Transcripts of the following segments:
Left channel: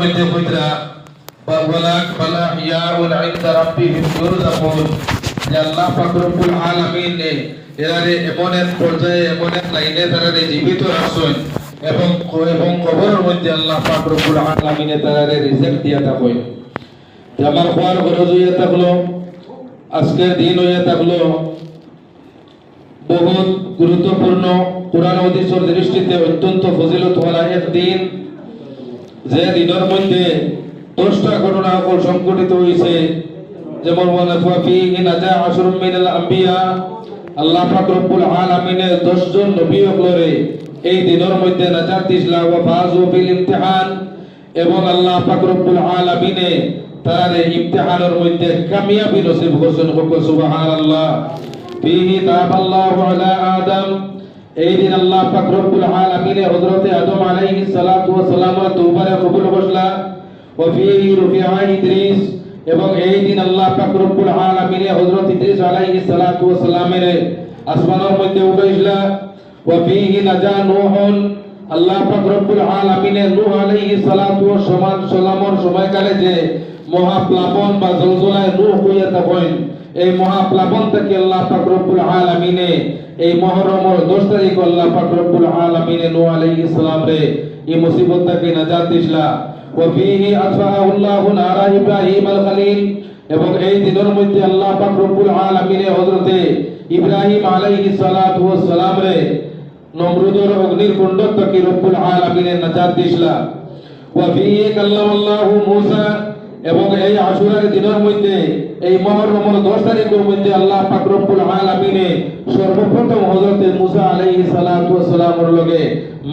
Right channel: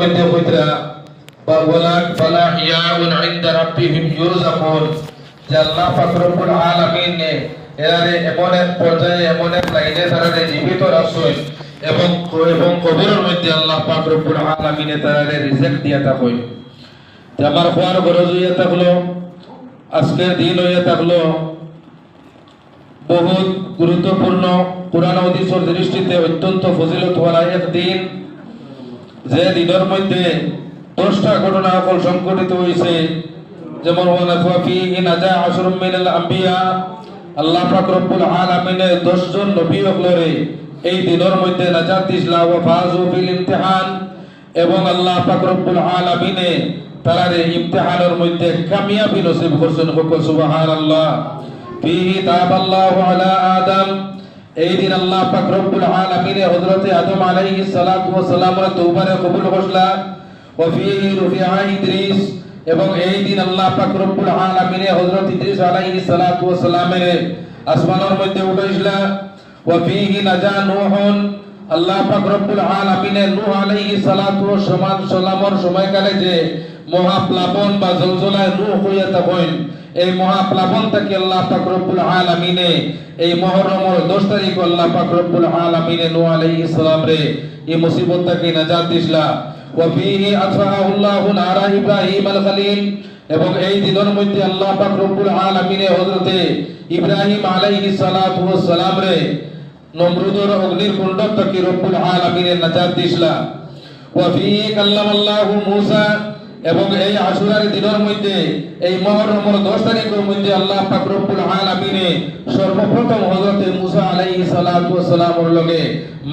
মধ্যে কইরা বাওয়ালাক ফালা ইয়াউন ইনদা রাব্বিহিম ইউরযাকুন যে আল্লাহ পাক রব্বুল আলামিন এরারে এমন এক পর্যায়ে এমন এক লাইনে তারারে জীবিত রাখছেন এবং কবরের মধ্যে আল্লাহ পাক রব্বুল আলামিন তারারে রিজিক দিয়া থাকেন। যে আমার খোয়ার গরজ হইয়া থাকলো, আজকের দিন হইয়া থাকলো বহুত গুরুত্বপূর্ণ, কুরআন হাদিসের দৃষ্টিতে অত্যন্ত ফজিলতওয়ালা এক দিন। যে দিনের মধ্যে 10টা ঘটনা সংঘটিত হয়েছে, যেমন আল্লাহ পাক রব্বুল আলামিনের 10 জন নবী হকলরে এই দিনের মধ্যে নাজাত দিছিলা ওয়া ফাযু বিল ইমতিহান, এবং আল্লাহ পাক রব্বুল আলামিনে তার ইমতিহানের মধ্যে কামিয়াবি নসিব করছেন। সুবহানাল্লাহ। ফিহি তাবাল্লাহু আলা আদম, এই দিন আল্লাহ পাক রব্বুল আলামিনে হযরত আদম আলাইহিস সালাতু ওয়াস সালামের তওবারে কবুল করলা। ওয়া ফিহি রুফিআ ইদ্রিস, এবং এই দিন আল্লাহ পাক রব্বুল আলামিনে হযরত ইদ্রিস আলাইহিস সালাতু ওয়াস সালামের আসমানের মধ্যে উঠাইছিলা। ওয়া ফিহি নাজা নূহুন, আল্লাহ পাক রব্বুল আলামিনে নূহ আলাইহিস সালাতু ওয়াস সালামের সময়কালে যে মহাপ্লাবন বা জলজলায় নূহ হইয়া থাকেন, এই মহাপ্লাবন থেকে আল্লাহ পাক রব্বুল আলামিনে এই মুহররমের 10 তারিখ আল্লাহ পাক রব্বুল আলামিনে নূহ আলাইহিস সালাম রে এই মুসিবত থেকে নাজাত দিছিলা। ওয়া ফিহি আতফাআল্লাহু নারা ইব্রাহিম আল খলিল, এবং এই দিনের মধ্যে আল্লাহ পাক রব্বুল আলামিনে হযরতে ইব্রাহিম আলাইহিস সালাতু ওয়াস সালাম রে নমরুদের অগ্নির কুণ্ড থেকে রব্বুল আলামিনে নাজাত দিছিলা। ওয়া ফিহি কাল্লামাল্লাহু মূসা, এবং এই আশুরার দিনের মধ্যে এই মুহররমের 10 তারিখের মধ্যে আল্লাহ পাক রব্বুল আলামিনে সর্বপ্রথম হযরতে মূসা আলাইহিস সালাতু ওয়াস সালামের লগে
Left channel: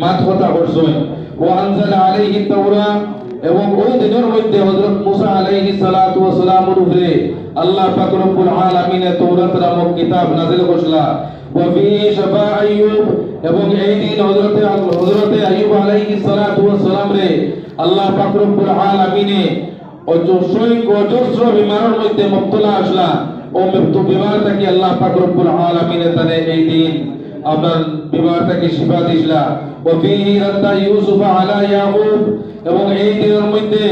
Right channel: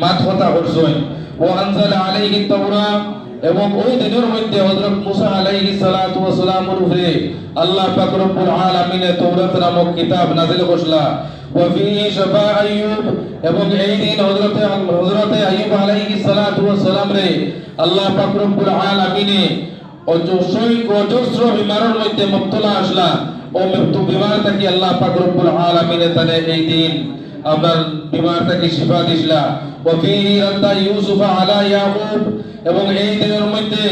মাত কথা করছেন। ওয়া আনজালা আলাইহি তাওরাত, এবং ওই দিনের মধ্যে হযরত মূসা আলাইহিস সালাতু ওয়াস সালামের উপরে আল্লাহ পাক রব্বুল আলামিনে তাওরাত নামক কিতাব নাযিল করলা। ওয়া ফিহি শাফা আইয়ুব, এবং এই দিন হযরতে আইয়ুব আলাইহিস সালাতু ওয়াস সালাম রে আল্লাহ পাক রব্বুল আলামিনে অজস্র বিমারের মধ্যে মুবতলা আসলা, ও মৃত্যু বিমার থেকে আল্লাহ পাক রব্বুল আলামিনে তানে এই দিন আপনার বিমার থেকে শিফা দিছিলা। ওয়া ফিহি রাদ্দা ইউসুফ আলা ইয়াকুব, এবং এই দিনের মধ্যে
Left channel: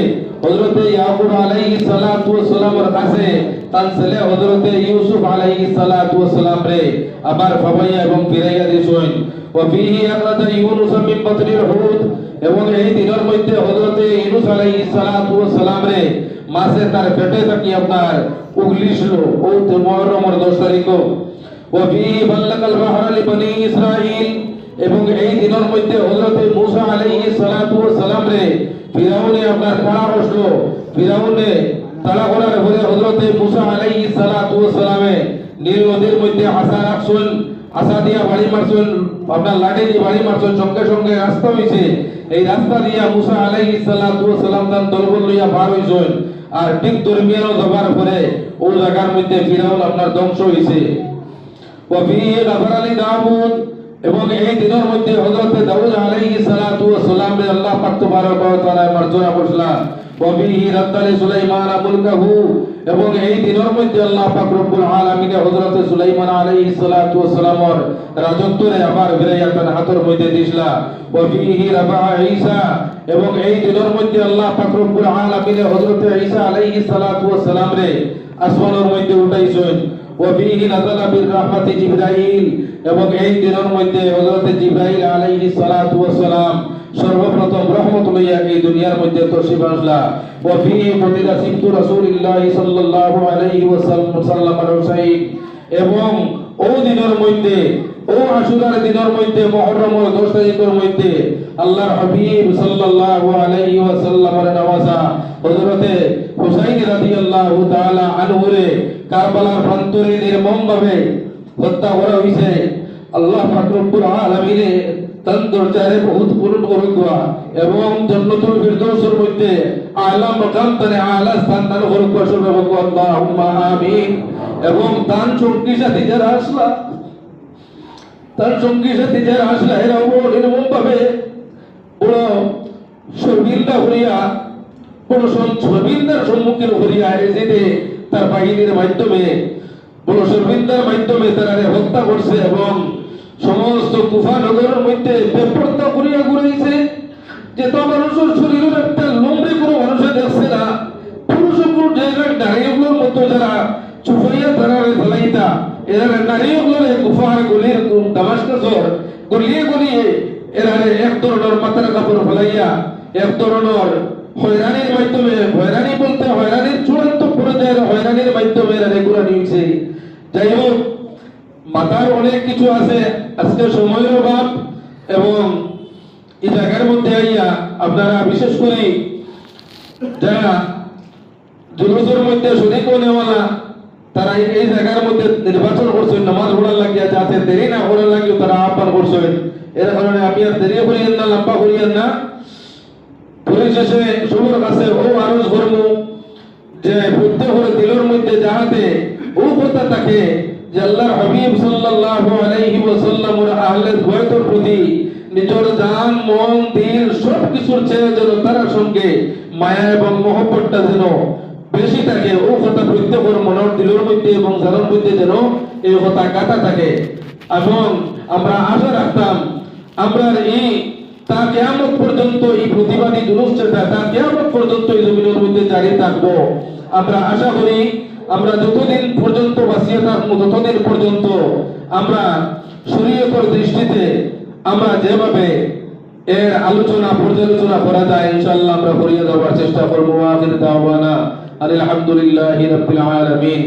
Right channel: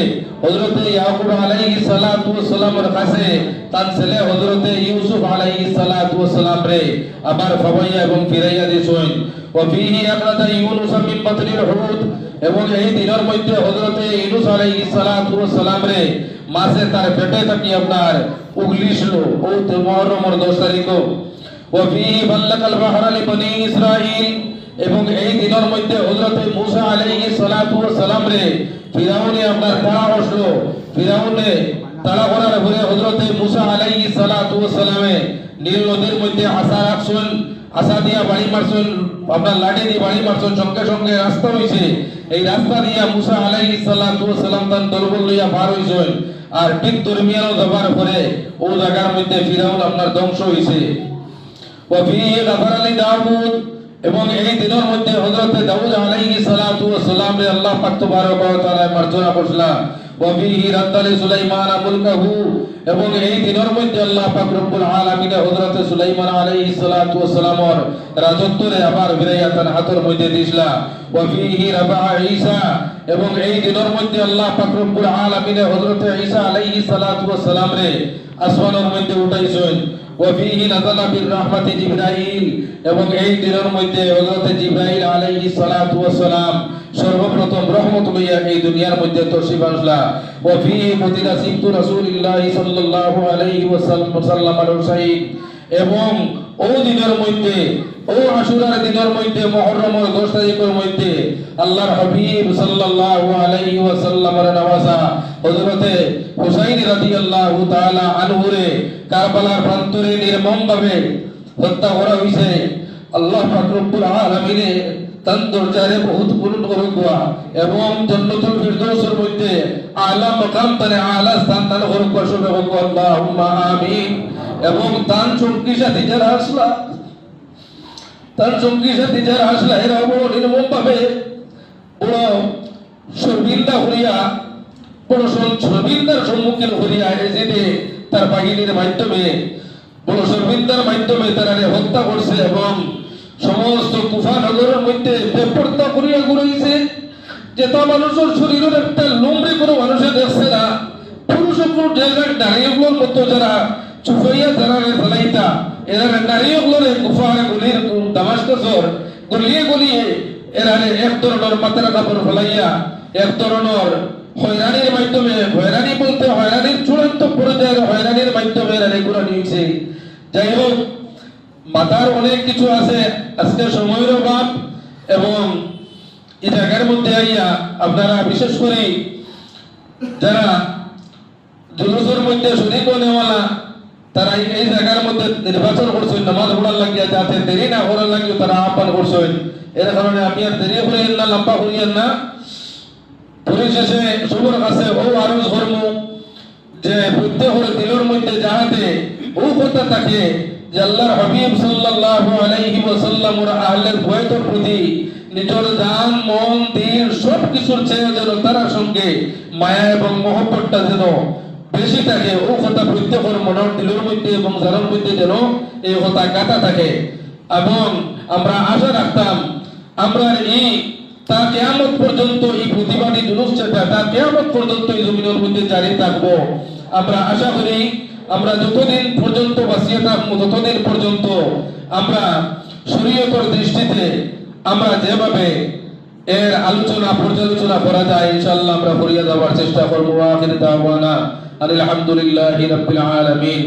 হযরতে ইয়াকুব আলাইহিস সালাতু ওয়াস সালামের কাছে তার ছেলে হযরতে ইউসুফ আলাইহিস সালাতু ওয়াস সালাম রে আবার ফাবাইয়া এবং ফিরাইয়া দিছেন। ওয়া ফিহি আখরাজা ইউনুস মিন বাতনিল হুদ, এবং এই দিনের মধ্যে হযরতে ইউনুস আলাইহিস সালাতু ওয়াস সালাম রে মাছে তার পেটে থেকে আপনার উগলিছিল ও মুহররমের 10 তারিখ। ওয়া ফিহি বাল্লাকাল বাহরা লিবনি ইসরাঈল, এবং এই দিনের মধ্যে হযরতে মূসা আলাইহিস সালাতু ওয়াস সালাম রে ফিরাউনে আপনার তাড়া বসলো, ফিরাউনে তাড়া করার পরে হযরতে মূসা আলাইহিস সালাতু ওয়াস সালামে নীল নদীর মধ্যে আসা রাখছেন, আসা দিয়া বাড়ি মারছেন, আপনার লাঠি দিয়ে বাড়ি মারছেন, সঙ্গে সঙ্গে রাস্তা হইছে। এই রাস্তা দিয়া মূসা আলাইহিস সালাতু ওয়াস সালাম তার দলবল লইয়া পার হইছেন, আর ঠিক দরমিয়ানো যাবার পরে ওই জায়গার মধ্যে ফিরাউন আপনার ধ্বংস হইছে। ওয়া ফিহি গাফারা লি দাউদ, এবং এই দিনের মধ্যে হযরতে দাউদ আলাইহিস সালাতু ওয়াস সালাম রে আল্লাহ পাক তাবারক ওয়া তাআলা মার্জনা করছলা। ওয়া ফিহি রাদ্দা লি সুলাইমান মুলকাহু, এবং এই দিনের মধ্যে আল্লাহ পাক রব্বুল আলামিনে হযরতে সুলাইমান আলাইহিস সালাতু ওয়াস সালামের রাজত্বরে আবার ফিরাইয়া তার হাতের মধ্যে দিছলা। ওয়া ফিহি রাফা ঈসা, এবং এই দিনের মধ্যে আল্লাহ পাক রব্বুল আলামিনে হযরতে ঈসা আলাইহিস সালাতু ওয়াস সালাম রে আসমানের মধ্যে উঠাইছেন। ওয়া ফিহি নাযালা বির রাহমাতি জিবরাইল, এবং এই দিনের মধ্যে হযরতে জিবরাইল আলাইহিস সালাতু ওয়াস সালাম সর্বপ্রথম রহমত লইয়া এই দুনিয়ার মধ্যে তশরিফ আনলা। ওয়া ফিহি বুদিরা সিবতু রাসূলিল্লাহ সাল্লাল্লাহু আলাইহি ওয়াসাল্লাম আল-হুসাইন, এবং ওই দিনের মধ্যে ও আশুরার দিনের মধ্যে মুহররমের 10 তারিখের মধ্যে আল্লাহর হাবিব সাল্লাল্লাহু আলাইহি ওয়াসাল্লামের নওয়াজা হযরতে হুসাইন রাদিয়াল্লাহু তাআলা আনহু রে কারবালার প্রান্তরে নির্মমভাবে হত্যা করা হইছে। আল্লাহ পাক রব্বুল আলামিনে তার দরজারে বহুত পূরণ করুক, এবং জান্নাতুল ফিরদাউসের মধ্যে আলা মাকাম তারে আলা স্থান দান করুক, সুবহানাল্লাহ আল্লাহুম্মা আমিন। এবং তার সঙ্গী সাথী যারা আসলা, তার সঙ্গী সাথী যারা আসলা এরা নির্মমভাবে বড় শর্মিন্দা হইয়া, বড় শর্মিন্দার সম্মুখীন হইয়া এসে তার বাহিনীর মাধ্যমে বড় শর্মিন্দার মাধ্যমে তারা হত্যা করছে, এবং সমস্ত কুফা নগরের মধ্যে বেপরতা করিয়া ঘুরাইছে। যে তা মানুষের শরীরের একটা লোমড়ি কোনো এরা নারীগুলো গুফার গলির দামাস্কাসর গলিয়ে গলিয়ে এরা এক ধরনের মাথার কাপড় ফলাইয়া এক ধরনের হয়রানির মাধ্যমে, হয়রানি বলতে হয়রানির চূড়ান্ত পর্যায়ের হয়রানির মাধ্যমে এরা এগুলো নিয়েছে। যাই হোক, মাথার অনেক কিছু আছে, আজকে সময়ের অভাব এবং এই জায়গার মধ্যে আইয়া আপনারা বিশেষ করে যারা জুলুসের মধ্যে শরীক নেওয়ালা তারা এই জায়গার মধ্যে নির্বাচন করছেন নামাজ পড়ার লাগিয়া, যাতে দেরি না করার লাগিও তারা আহ্বান করছেন। এর কারণে আমি আর দেরি করিয়েন না, লম্বা করিয়েন না। পরিশেষে সবার কাছে ও আরজ করবো যে প্রত্যেকের দিলের মধ্যে যাহাতে ও কথা থাকে যে আল্লাহর হাবিব সাল্লাল্লাহু আলাইহি ওয়াসাল্লামের আহলের বয়তের প্রতি নিজের জান মন দিল সব কিছুর চেয়ে যেন তার সঙ্গে মায়া এবং মহব্বতটা যেন বেশি থাকে। ও কথা প্রত্যেকের মনের দিলের মধ্যে এবং জানের মধ্যে যেন এই কথা গাঁথা থাকে। এবং আমরা আশা রাখতাম আমরা এই তা কিয়ামত পর্যন্ত এই প্রতিবাদী জুলুস যেটা তা কিয়ামত পর্যন্ত এই জমিনের মধ্যে জারি থাকবো। আমরা আশা করি আমরা যতদিন পর্যন্ত বাঁচিয়ে থাকবো ততদিন পর্যন্ত আমরা শরীয়তের দৃষ্টিতে আমরা যেভাবে এর আলোচনা পর্যালোচনা করা যায় ইনশাআল্লাহ আমরা করিয়া যাওয়ার চেষ্টা করবো। আখির দাওয়ানা আলহামদুলিল্লাহি রাব্বিল আলামিন।